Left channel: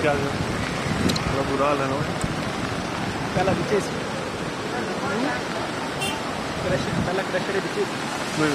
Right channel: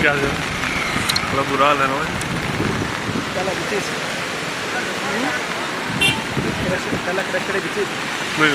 क्या बड़ा बुरा हाल है ना भाई। Dalla vitesse. Dalla crescere vitesse. नहीं